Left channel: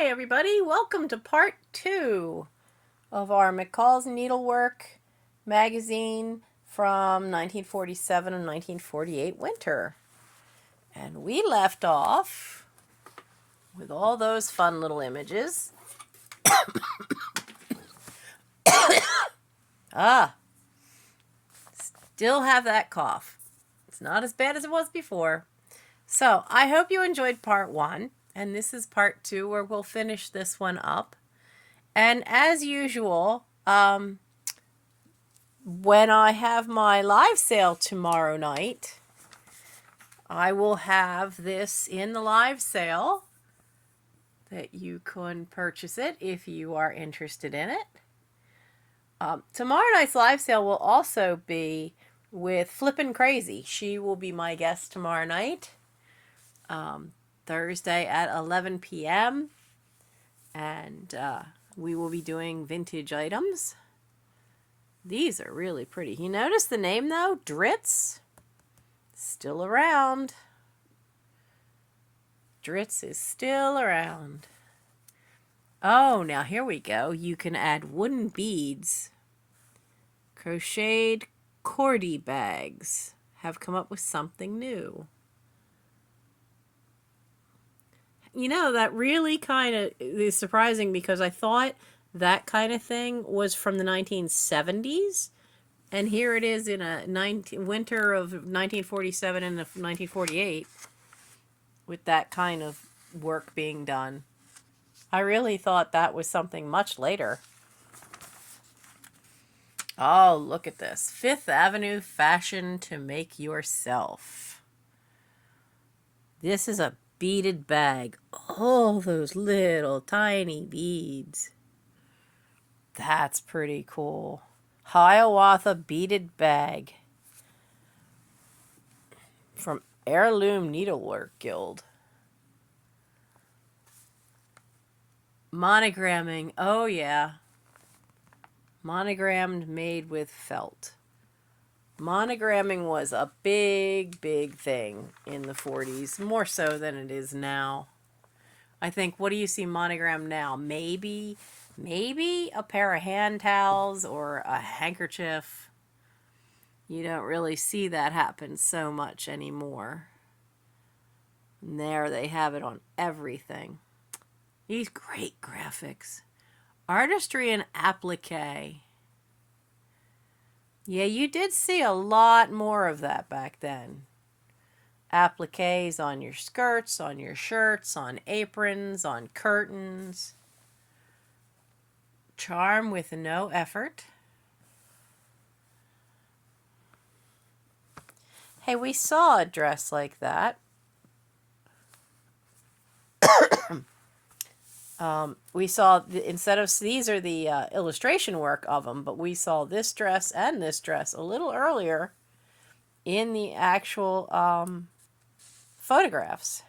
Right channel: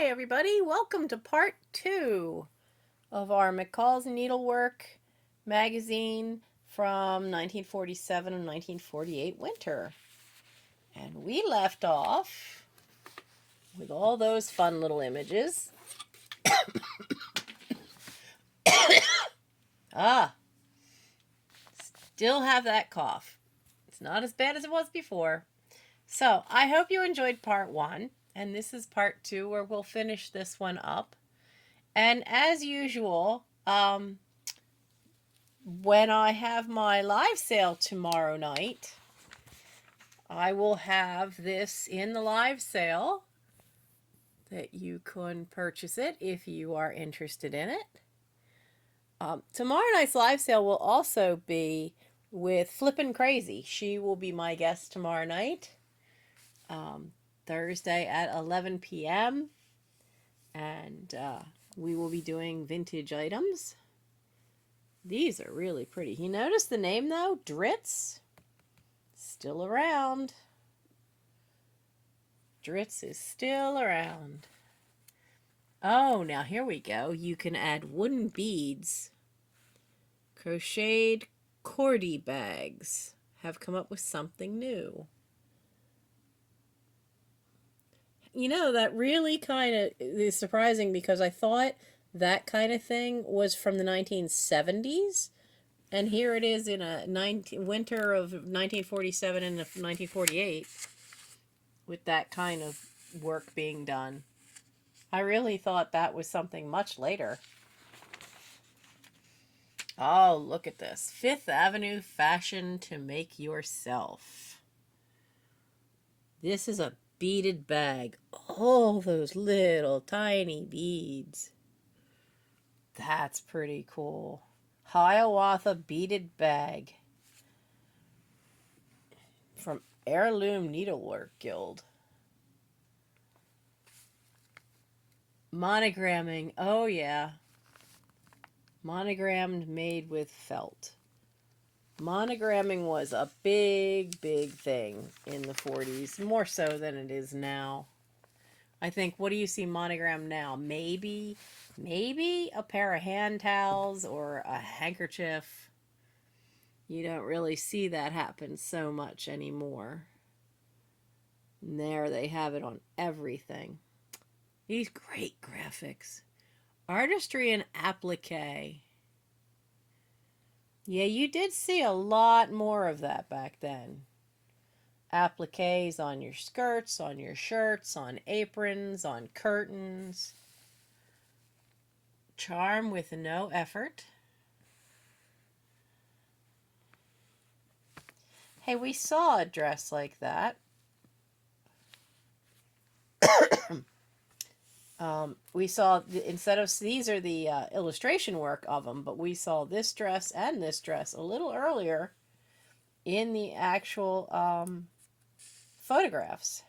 Hi everybody, welcome to part 2 of our McCall's Needlework magazine from 1947 and 1948 winter. And we left off with all those fun little images. Still have that cough. It's not as bad as it was before. So I hope you enjoyed part 1. And this is part 2 where we'll finish this one up. And as usual, when I have my live sale tomorrow night, I will have this in the live sale that you can purchase it if you are interested in it. Tomorrow night's live sale will also be with Flippin' Crazy. She will be my guest tomorrow night. Thursday at 11 p.m. and we will be doing vintage items. These are really pretty. You notice the name though? Dritz. Still around. Dritz is still around. Oh, now here we go. You can add wooden beads. Crocheted cordy bags have come up with something new. You know, that really kind of is surprising because I thought that kind of thing was from the 1970s. And here it is in a winter of 1947 and 1948 with that kind of work being done. I really thought that was something much later. Oh, look at this. Fifth Avenue fashion to make yourself. This is a beaded bag. All those little tiny beads. That's pretty cool. Hiawatha beaded bag from Heirloom Needlework Guild. Monogramming. Oh yeah. Monogrammed made with felt. Monogramming was a big thing in the 40s, more so than it is now. I think, what do you see monogrammed now? Maybe a pair of hand towels or a handkerchief. You don't really see that happen so much anymore. And there they have it on everything. These great graphics. Artistry and applique. Yeah, you did see a lot more of that back then. Appliques on your skirts, on your shirts, on aprons, on curtains. Charm with no effort. Hey, we saw a dress like that. We saw, instead of, these are the illustration work of them, but we saw this dress and this dress a little earlier in the actual photographs.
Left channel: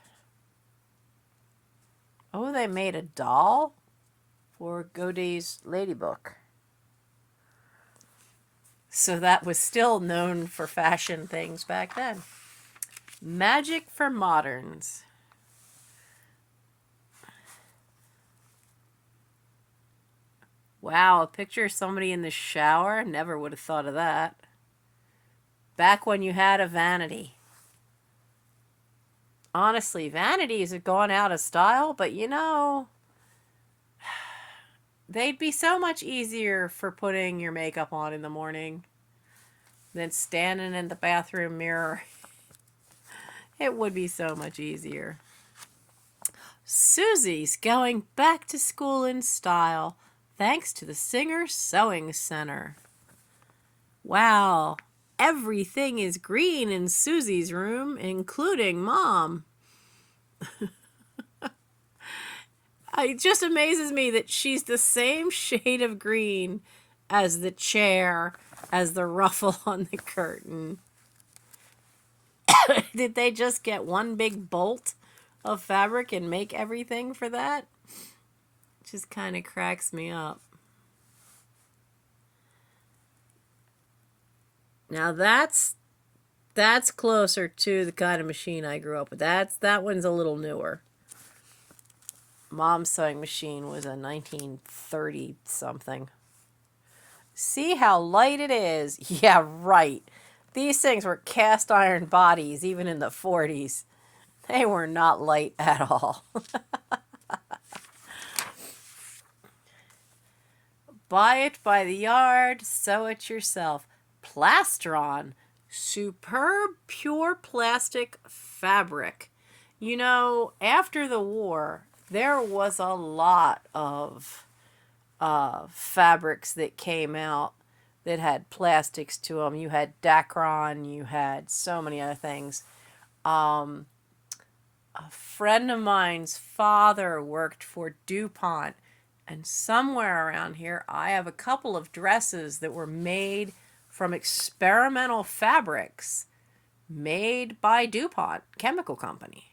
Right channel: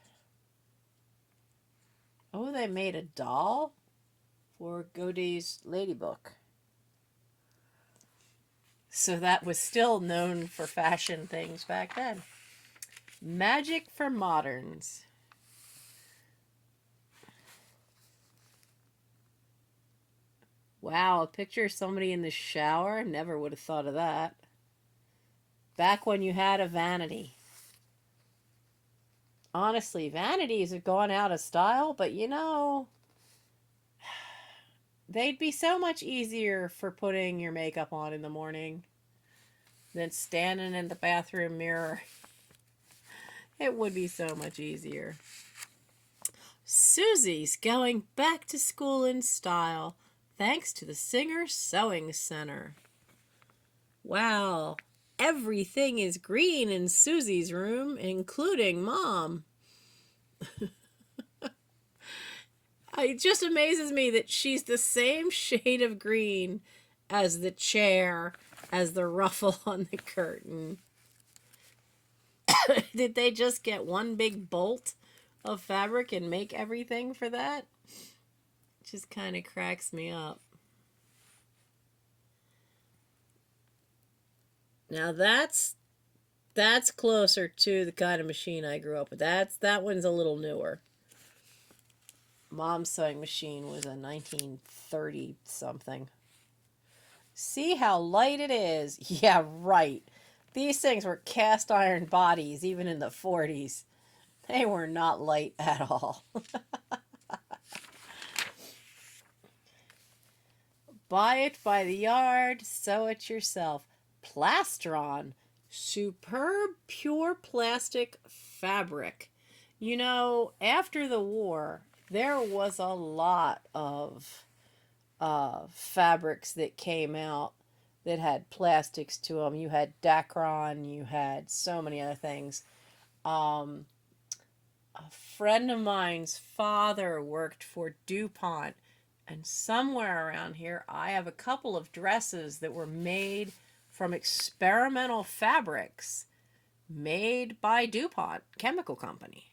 Oh, they made a doll for Godey's Ladybook. So that was still known for fashion things back then. Magic for moderns. Wow, a picture of somebody in the shower? Never would have thought of that. Back when you had a vanity. Honestly, vanities have gone out of style, but you know, they'd be so much easier for putting your makeup on in the morning than standing in the bathroom mirror. It would be so much easier. Susie's going back to school in style, thanks to the Singer Sewing Center. Wow, everything is green in Susie's room, including Mom. It just amazes me that she's the same shade of green as the chair, as the ruffle on the curtain. Did they just get one big bolt of fabric and make everything for that? It just kind of cracks me up. Now that's closer to the kind of machine I grew up with. That one's a little newer. Mom's sewing machine was a 1930 something. See how light it is? Yeah, right. These things were cast iron bodies even in the 40s. They were not light at all. Buy it by the yard, sew it yourself. Plastron, superb pure plastic fabric. You know, after the war, there was a lot of fabrics that came out that had plastics to them. You had Dacron, you had so many other things. A friend of mine's father worked for DuPont, and somewhere around here I have a couple of dresses that were made from experimental fabrics made by DuPont Chemical Company.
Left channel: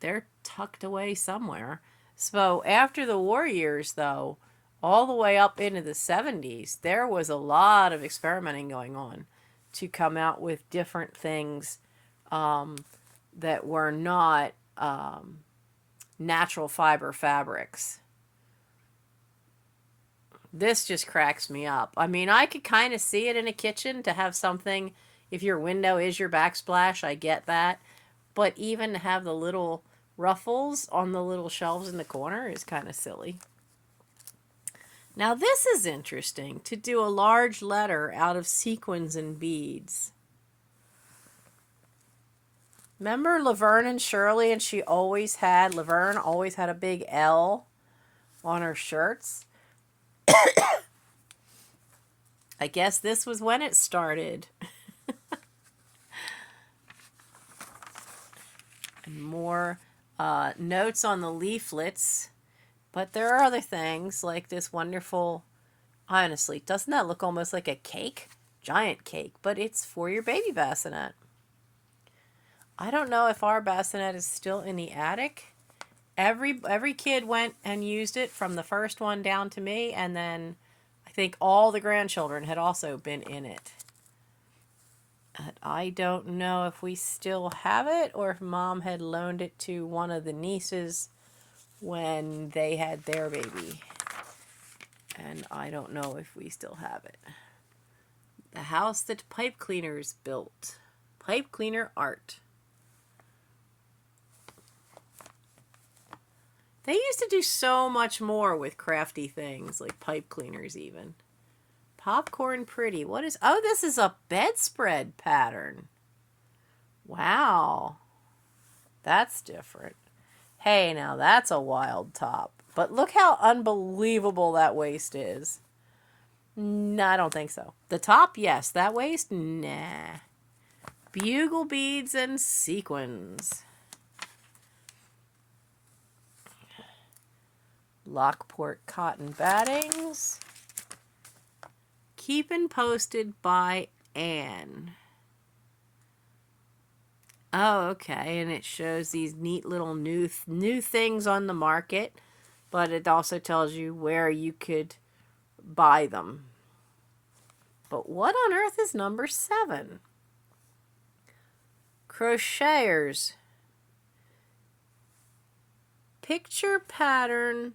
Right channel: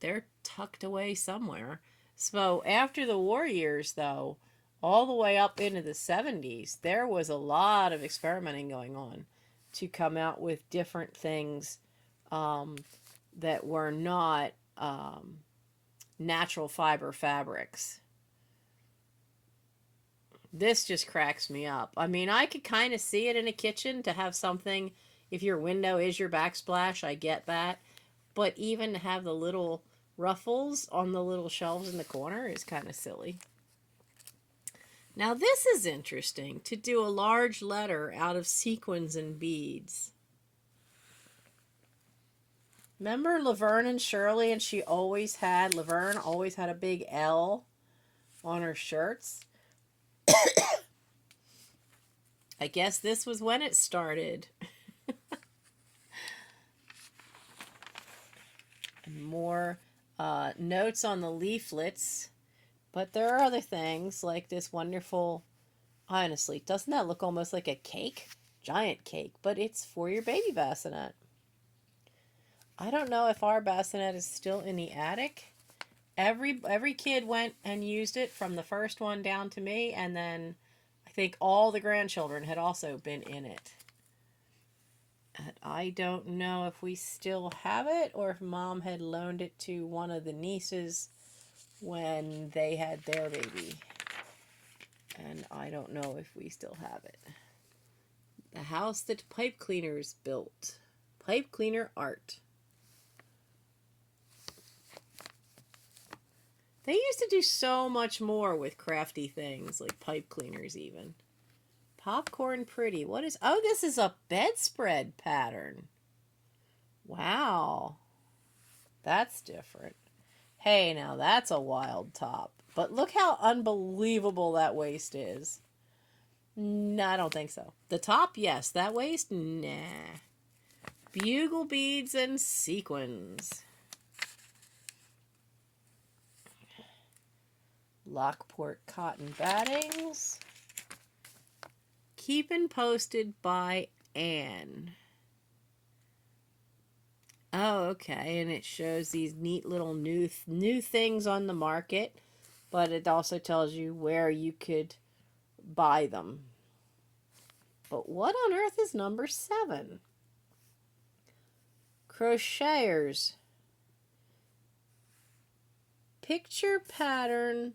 They're tucked away somewhere. So after the war years, though, all the way up into the 70s, there was a lot of experimenting going on to come out with different things that were not natural fiber fabrics. This just cracks me up. I mean, I could kind of see it in a kitchen to have something, if your window is your backsplash, I get that. But even to have the little ruffles on the little shelves in the corner is kind of silly. Now this is interesting, to do a large letter out of sequins and beads. Remember Laverne and Shirley, and Laverne always had a big L on her shirts? I guess this was when it started. And more notes on the leaflets. But there are other things like this wonderful, honestly, doesn't that look almost like a cake? Giant cake, but it's for your baby bassinet. I don't know if our bassinet is still in the attic. Every kid went and used it from the first one down to me, and then I think all the grandchildren had also been in it. And I don't know if we still have it or if Mom had loaned it to one of the nieces when they had their baby. And I don't know if we still have it. The house that pipe cleaners built. Pipe cleaner art. They used to do so much more with crafty things, like pipe cleaners even. Popcorn pretty. What is... Oh, this is a bedspread pattern. Wow. That's different. Hey, now that's a wild top. But look how unbelievable that waist is. No, I don't think so. The top, yes. That waist, nah. Bugle beads and sequins. Lockport cotton battings. Keepin' posted by Anne. Oh, okay, and it shows these neat little new things on the market, but it also tells you where you could buy them. But what on earth is number 7? Crocheters. Picture pattern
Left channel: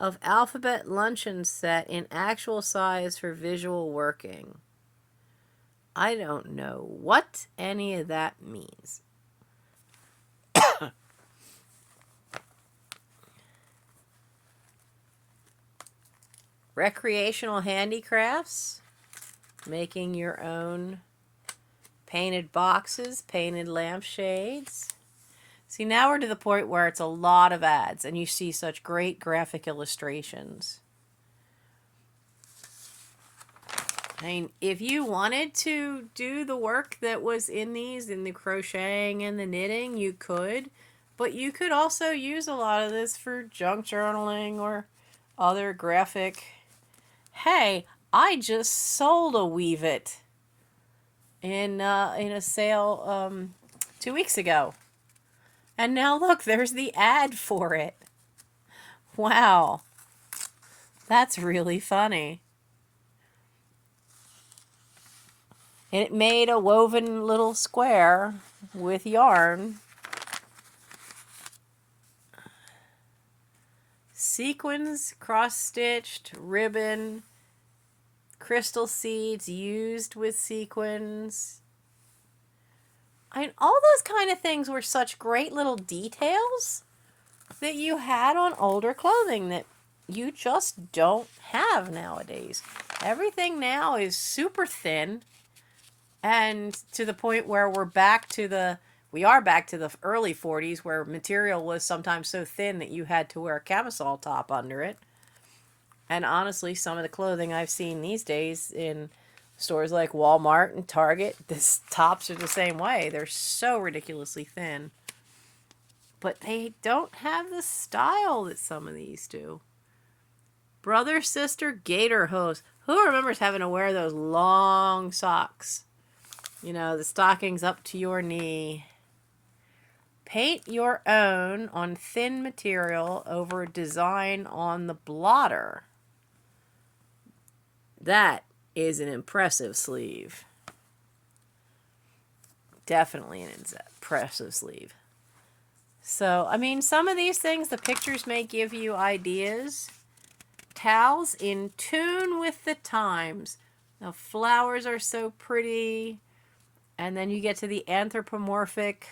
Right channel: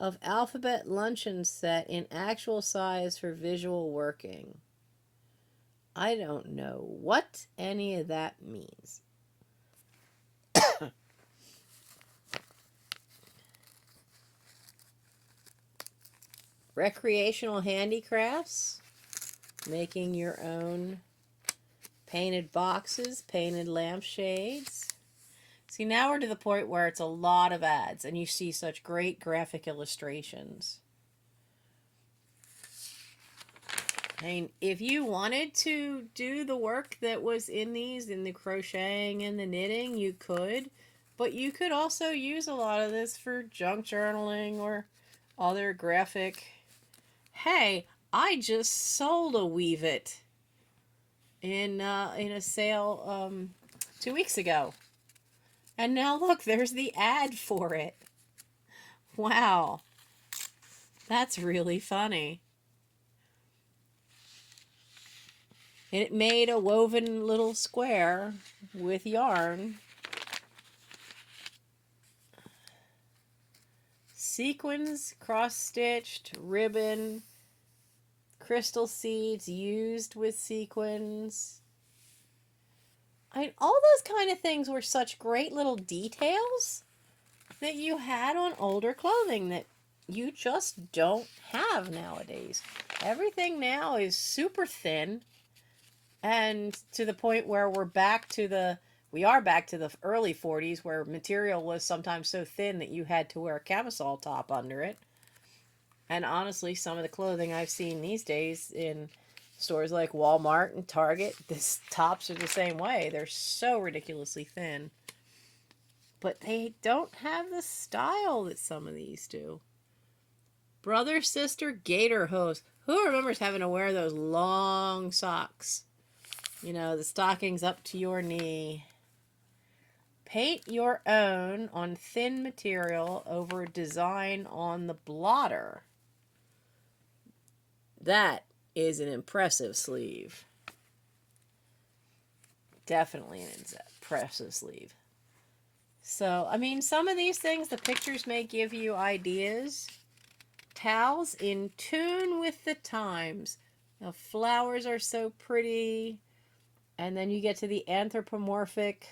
of alphabet luncheon set in actual size for visual working. I don't know what any of that means. Recreational handicrafts. Making your own painted boxes, painted lampshades. See, now we're to the point where it's a lot of ads and you see such great graphic illustrations. I mean, if you wanted to do the work that was in these, in the crocheting and the knitting, you could. But you could also use a lot of this for junk journaling or other graphic. Hey, I just sold a Weave It in a sale 2 weeks ago. And now look, there's the ad for it. Wow. That's really funny. It made a woven little square with yarn. sequins, cross-stitched, ribbon, crystal seeds used with sequins. I mean, all those kind of things were such great little details that you had on older clothing that you just don't have nowadays. Everything now is super thin, and to the point where we are back to the early 40s, where material was sometimes so thin that you had to wear a camisole top under it. And honestly, some of the clothing I've seen these days in stores like Walmart and Target, the tops are the same way. They're so ridiculously thin. But they don't have the style that some of these do. Brother, sister, gator hose. Who remembers having to wear those long socks? You know, the stockings up to your knee. Paint your own on thin material over design on the blotter. That is an impressive sleeve. Definitely an impressive sleeve. So, I mean, some of these things, the pictures may give you ideas. Towels in tune with the times. The flowers are so pretty. And then you get to the anthropomorphic.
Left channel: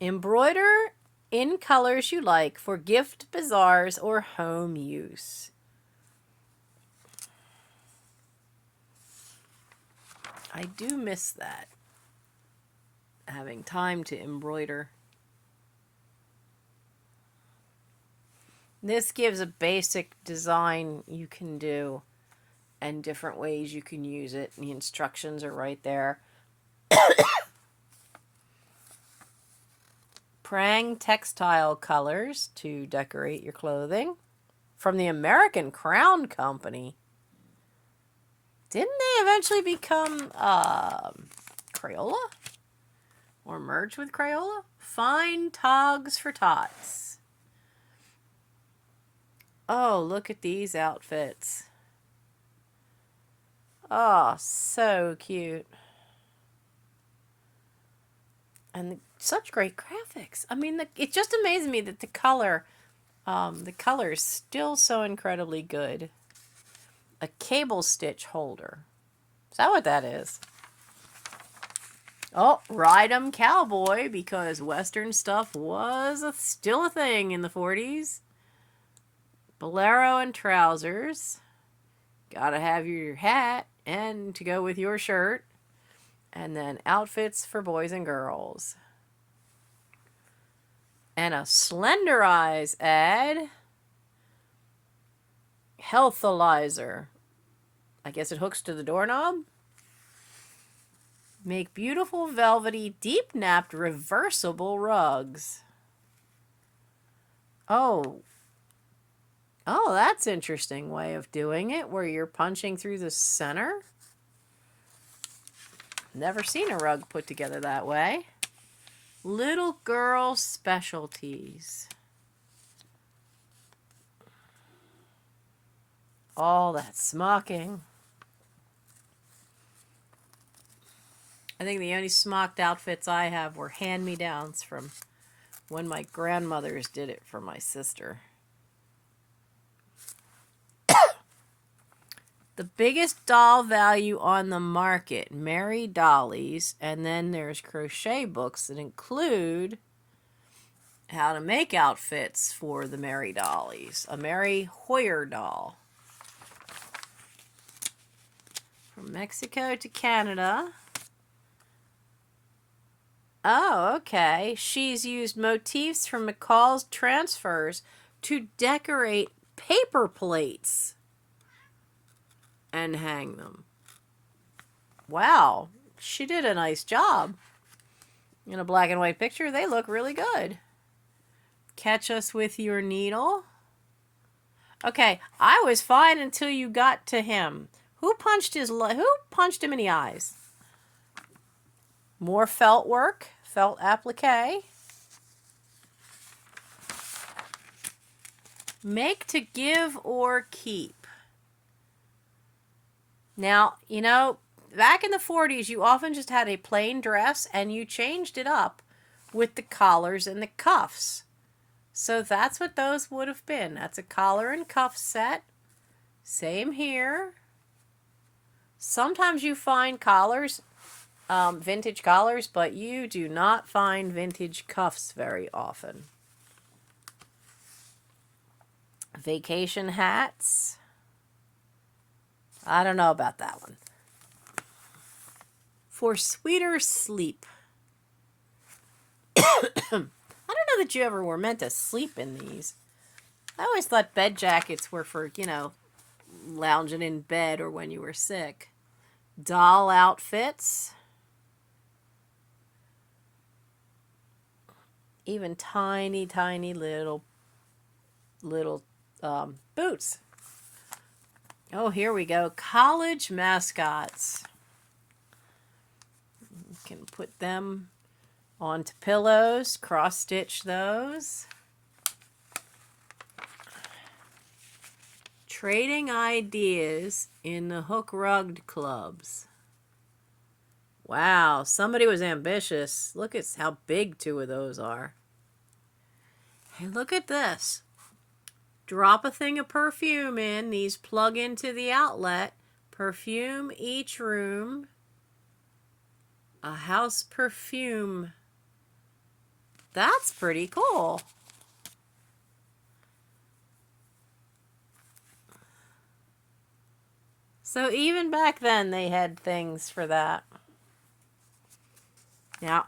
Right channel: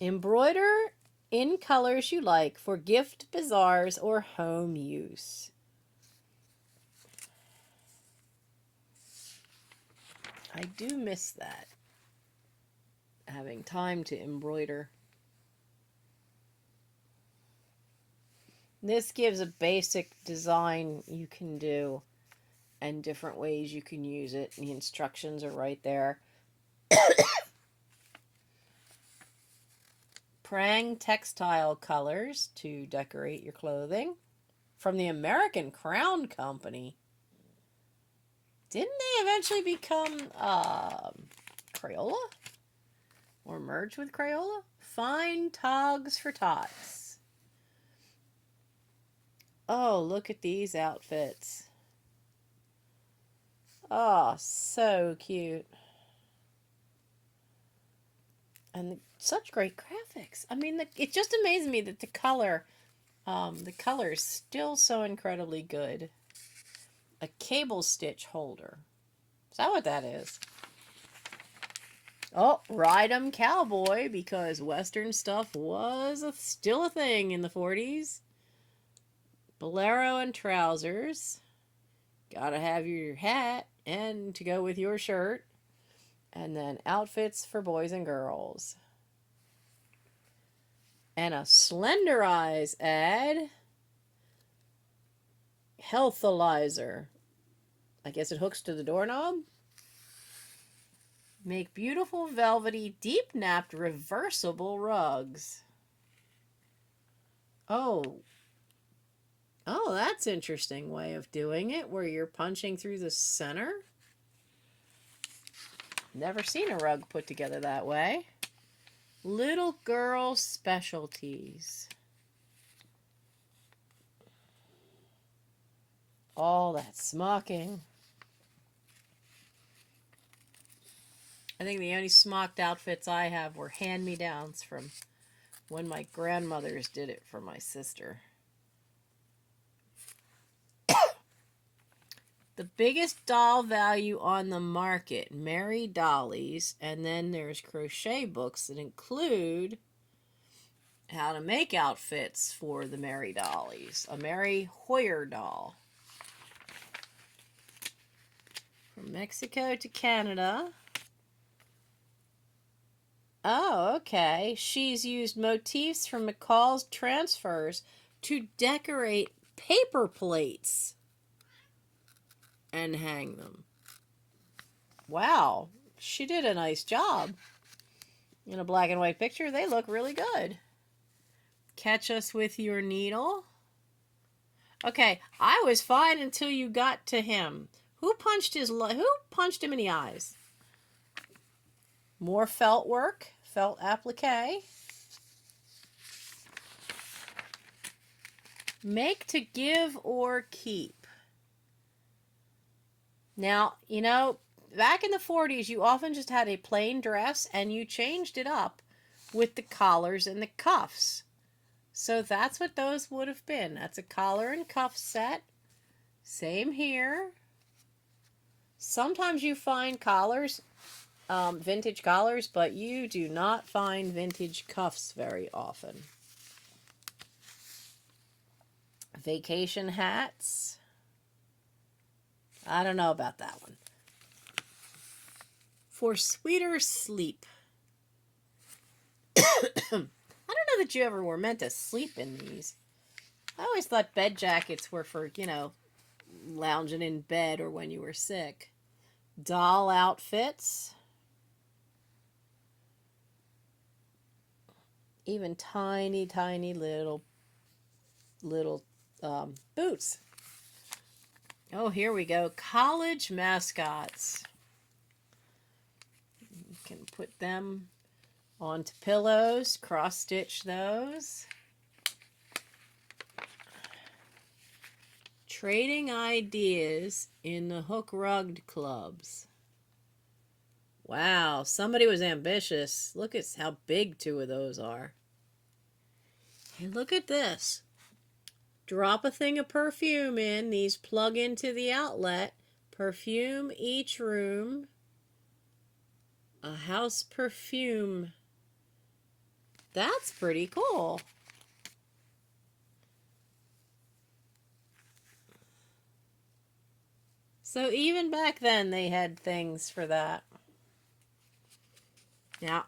Embroider in colors you like for gift bazaars or home use. I do miss that. Having time to embroider. This gives a basic design you can do and different ways you can use it. The instructions are right there. Prang textile colors to decorate your clothing. From the American Crown Company. Didn't they eventually become Crayola? Or merge with Crayola? Fine togs for tots. Oh, look at these outfits. Oh, so cute. And such great graphics. I mean, it just amazes me that the color is still so incredibly good. A cable stitch holder. Is that what that is? Oh, ride 'em cowboy, because Western stuff was still a thing in the 40s. Bolero and trousers. Gotta have your hat and to go with your shirt. And then outfits for boys and girls. And a Slenderize ad. Healthalizer. I guess it hooks to the doorknob. Make beautiful velvety deep napped reversible rugs. Oh, that's an interesting way of doing it, where you're punching through the center. Never seen a rug put together that way. Little girl specialties. All that smocking. I think the only smocked outfits I have were hand-me-downs from when my grandmothers did it for my sister. The biggest doll value on the market, Mary Dollies, and then there's crochet books that include how to make outfits for the Mary Dollies. A Mary Hoyer doll. From Mexico to Canada. Oh, okay. She's used motifs from McCall's transfers to decorate paper plates and hang them. Wow, she did a nice job. In a black and white picture, they look really good. Catch us with your needle. Okay, I was fine until you got to him. Who punched him in the eyes? More felt work, felt applique. Make to give or keep. Now, you know, back in the 40s, you often just had a plain dress and you changed it up with the collars and the cuffs. So that's what those would have been. That's a collar and cuff set. Same here. Sometimes you find collars, vintage collars, but you do not find vintage cuffs very often. Vacation hats. I don't know about that one. For sweeter sleep. I don't know that you ever were meant to sleep in these. I always thought bed jackets were for, lounging in bed or when you were sick. Doll outfits. Even tiny, tiny little boots. Oh, here we go. College mascots. You can put them onto pillows, cross-stitch those. Trading ideas in the hook rugged clubs. Wow, somebody was ambitious. Look at how big 2 of those are. And look at this. Drop a thing of perfume in. These plug into the outlet. Perfume each room. A house perfume. That's pretty cool. So even back then they had things for that. Now,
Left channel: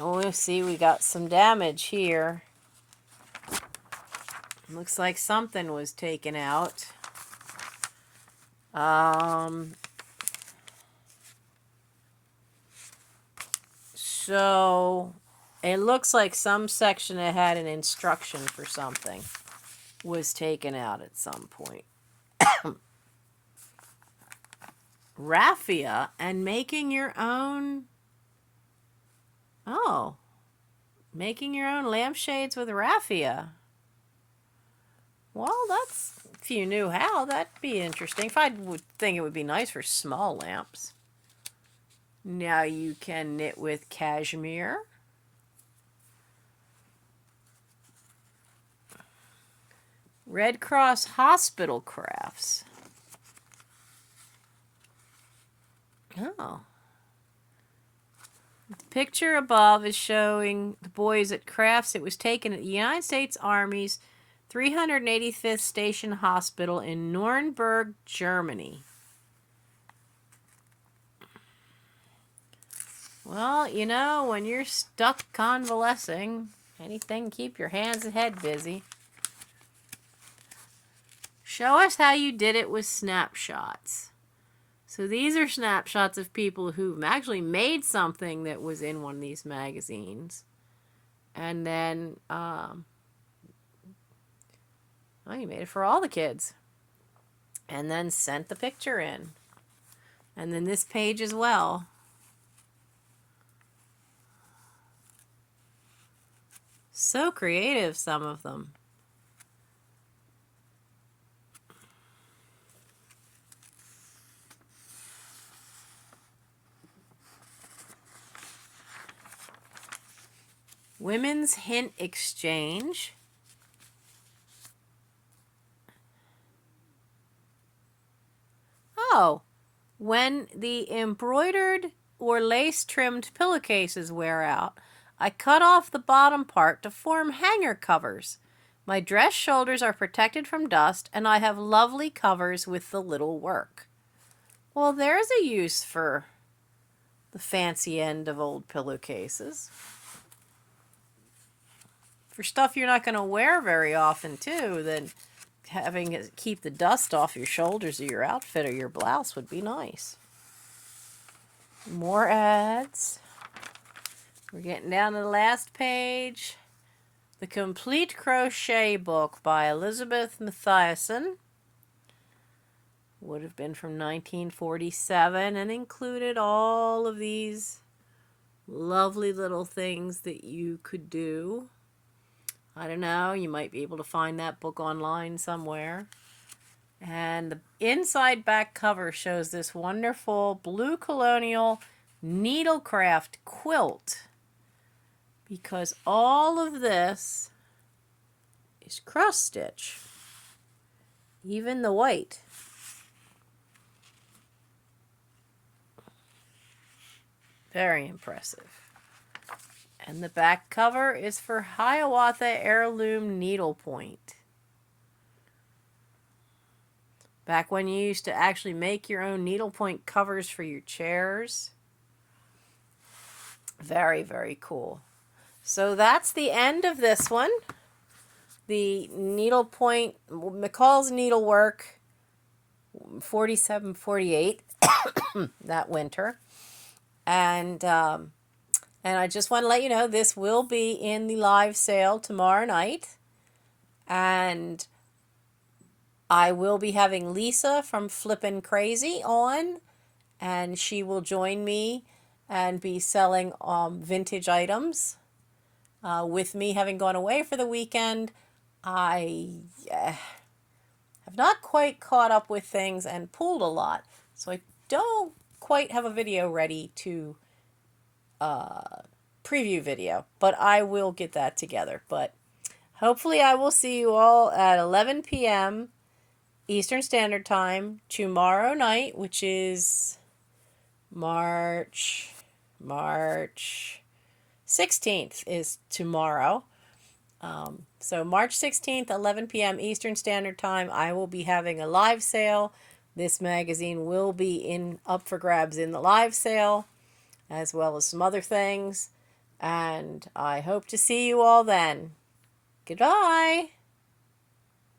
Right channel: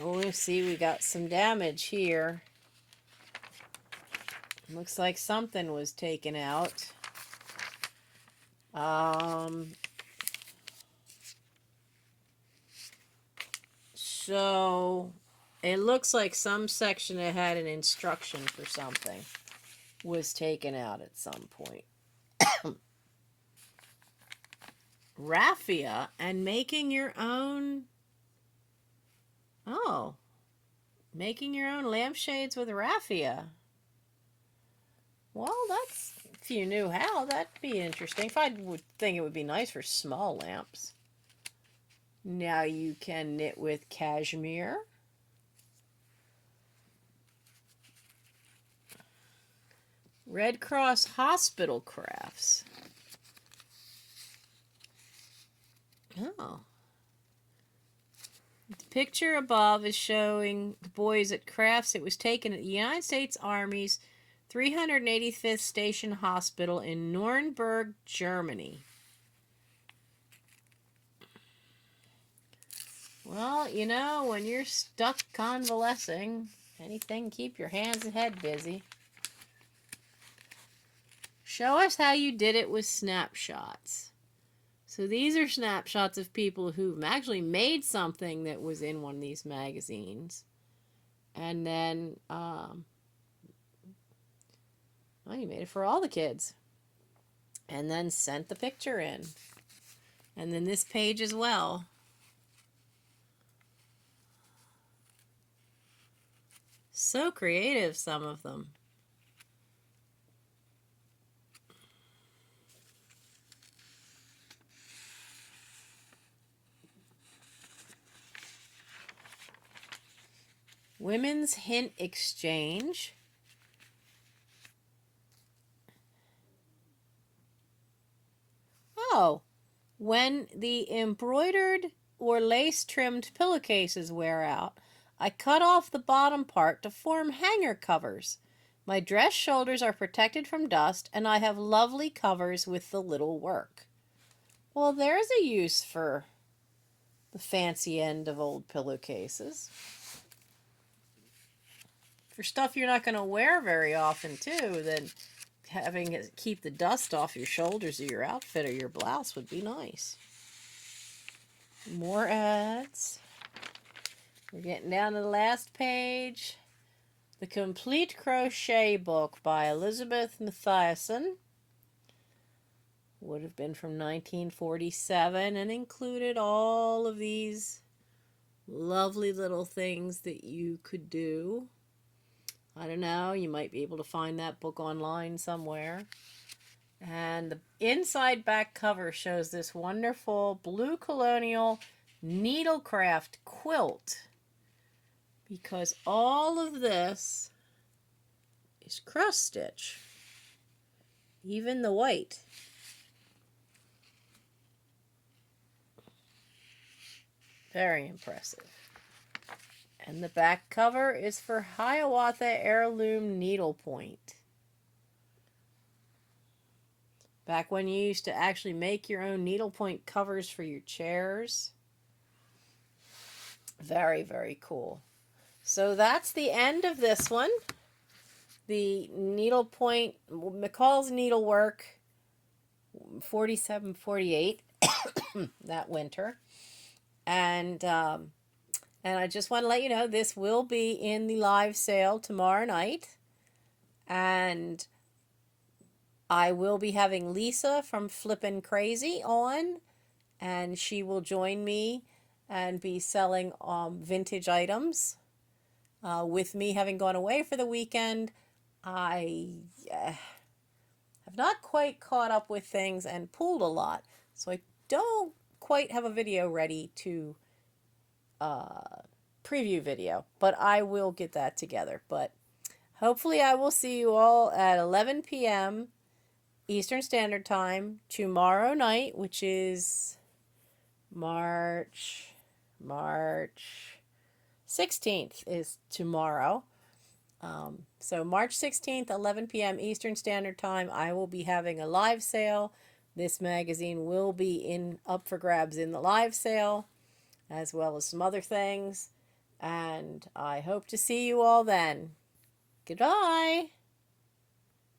we'll see, we got some damage here. Looks like something was taken out. So it looks like some section that had an instruction for something was taken out at some point. Raffia and making your own. Oh, making your own lampshades with raffia. Well, that's, if you knew how, that'd be interesting. I would think it would be nice for small lamps. Now you can knit with cashmere. Red Cross Hospital crafts. Oh. The picture above is showing the boys at crafts. It was taken at the United States Army's 385th Station Hospital in Nuremberg, Germany. Well, when you're stuck convalescing, anything, keep your hands and head busy. Show us how you did it with snapshots. So these are snapshots of people who've actually made something that was in one of these magazines. And then, you made it for all the kids. And then sent the picture in. And then this page as well. So creative, some of them. Women's Hint Exchange. Oh, when the embroidered or lace-trimmed pillowcases wear out, I cut off the bottom part to form hanger covers. My dress shoulders are protected from dust, and I have lovely covers with the little work. Well, there's a use for the fancy end of old pillowcases. For stuff you're not going to wear very often, too, then having it keep the dust off your shoulders of your outfit or your blouse would be nice. More ads. We're getting down to the last page. The Complete Crochet Book by Elizabeth Mathiasen. Would have been from 1947 and included all of these lovely little things that you could do. I don't know, you might be able to find that book online somewhere. And the inside back cover shows this wonderful blue colonial needlecraft quilt, because all of this is cross stitch, even the white. Very impressive. And the back cover is for Hiawatha Heirloom Needlepoint. Back when you used to actually make your own needlepoint covers for your chairs. Very, very cool. So that's the end of this one. The needlepoint, McCall's Needlework 47-48 that winter. And I just want to let you know this will be in the live sale tomorrow night. And I will be having Lisa from Flippin' Crazy on, and she will join me and be selling vintage items. With me having gone away for the weekend, I have not quite caught up with things and pulled a lot, so I don't quite have a video ready to preview video, but I will get that together. But hopefully I will see you all at 11 p.m. Eastern Standard Time tomorrow night, which is March 16th is tomorrow. So March 16th, 11 p.m. Eastern Standard Time, I will be having a live sale. This magazine will be up for grabs in the live sale, as well as some other things. And I hope to see you all then. Goodbye.